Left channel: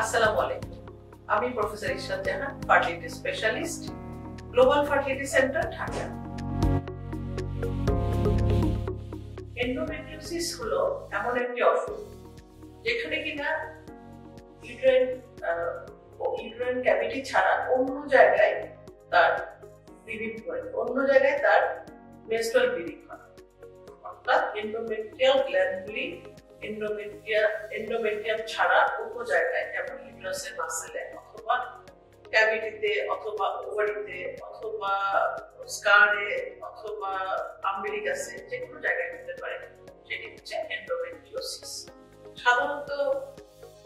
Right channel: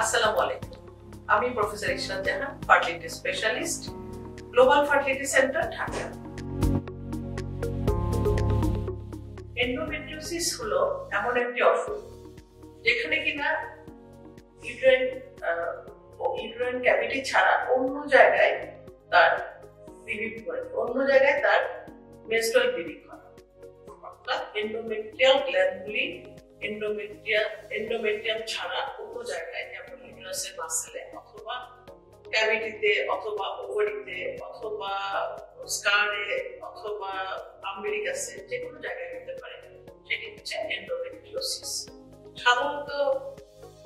আসসালামু আলাইকুম। আমি professor Ishrat Jahan, fertility specialist, global fertility centre, Dhaka. Endometriosis হলো এমন একটি অসুখ যেখানে কিনা ইউটেরাইন ক্যাভিটি ছাড়া অন্য জায়গায় তার মেনস্ট্রুয়াল ব্লিডিং হয়। অর্থাৎ এন্ডোমেট্রিয়াল গ্ল্যান্ডগুলি এন্ডোমেট্রিয়াম ছাড়া অন্য জায়গায়, যেমন ইউটেরাসের মাসেলে অথবা ক্যাভিটিতে অথবা ওভারিতে অথবা স্কারে অথবা আম্বিলিকাসে, যে কোনো জায়গায় হতে পারে, সেটি হচ্ছে এন্ডোমেট্রিওসিস। সাধারণত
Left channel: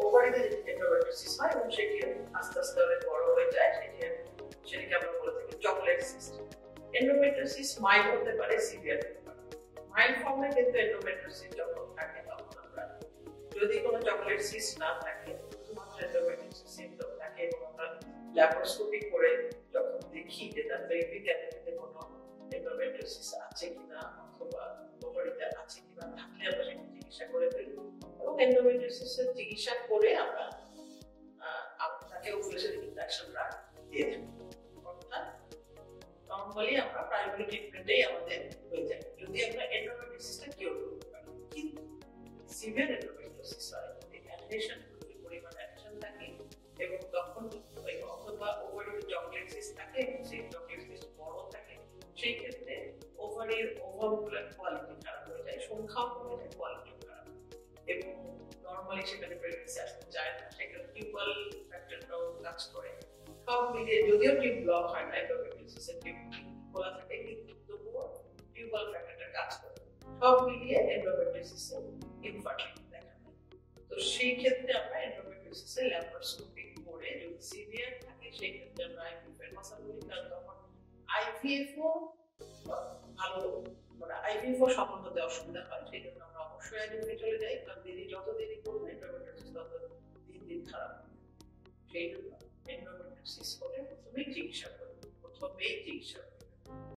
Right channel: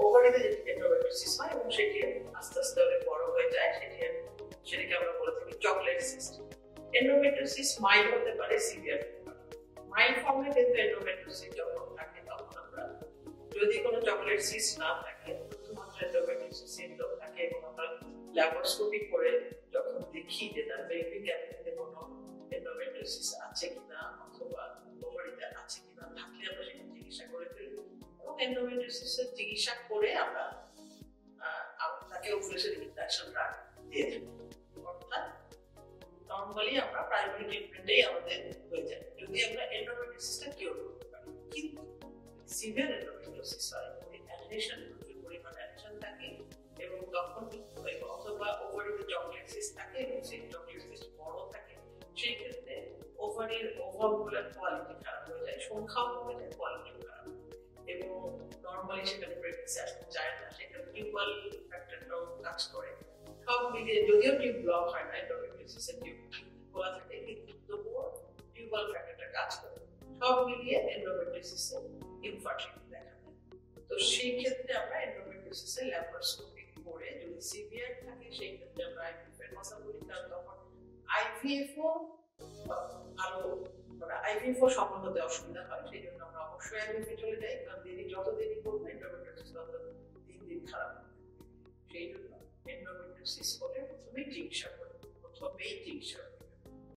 ওভারিতে এন্ডোমেট্রিওসিস হয় এবং সেটি আস্তে আস্তে অনেক বড় হয়ে যায়, সেটিকে আমরা বলে থাকি চকলেট সিস্ট। এন্ডোমেট্রিওসিস মাইল্ড হতে পারে, সিভিয়ার হতে পারে। মাইল্ড ফর্মে কিন্তু এন্ডোমেট্রিওসিস যখন থাকে, তখন আমরা যদি কোনো চকলেট সিস্ট না থাকে, শুধুমাত্র এন্ডোমেট্রিওসিস সিম্পটম থাকে এবং আমরা ল্যাপারোস্কোপি করে যখন দেখি যে তার পেলভিক ক্যাভিটিতে কোনো এন্ডোমেট্রিওসিস আছে কিনা অথবা ওভারিতে আছে কিনা, থাকলে আমরা সেটি চিকিৎসা করে ফেলি এবং এন্ডোমেট্রিওসিসের চিকিৎসা করে আমরা তাকে ওভুলেশন ইনডাকশন ড্রাগ দিয়ে থাকি। অর্থাৎ নরমালি আমরা প্রাইমারি ট্রিটমেন্টেই আমাদের হয়ে যায় যদি আমরা এন্ডোমেট্রিওসিসটা কিওর করতে পারি। কিন্তু সিভিয়ার এন্ডোমেট্রিওসিস হয়, অ্যাডহেশন, প্রচুর পরিমাণে অ্যাডহেশন থাকে এবং তখন অথবা ওভারিতে চকলেট সিস্ট থাকে এবং সেই চকলেট সিস্ট বড় থাকে, সেই ক্ষেত্রে ওভারির ওভারঅল কোয়ালিটি খারাপ হয়ে যায়, সংখ্যাও কমে যায়, কোয়ালিটিও খারাপ, এবং নরমালি সেখানে প্রেগন্যান্সি আসতে চায় না। সেখানে টিউবাল ফ্যাক্টরটাও কাজ করে। সব মিলিয়ে যদিও টিউব ব্লক হয় না, এন্ডোমেট্রিওসিসের টিউব খোলা থাকে, কিন্তু তবুও টিউবাল ফ্যাক্টরটা কাজ করে। সব মিলিয়ে এন্ডোমেট্রিওসিসে ইনফার্টিলিটি দেখা দেয়। তো সেই ক্ষেত্রে আমরা এন্ডোমেট্রিওসিসে ল্যাপারোস্কোপি করে, যদি সিভিয়ার থাকে সেই ক্ষেত্রে আমরা আইভিএফ এর কথা বলি, কারণ তখন আইভিএফও ভালো, আইভিএফও সফল হতে অসুবিধা হয়, সেই জন্য আমরা অবশ্যই আইভিএফে চলে যাই, কারণ যত দেরি করবো এন্ডোমেট্রিওসিস তত দিন দিন খারাপ হবে। সেই জন্য এন্ডোমেট্রিওসিস হলে প্রথমেই চিকিৎসা করি।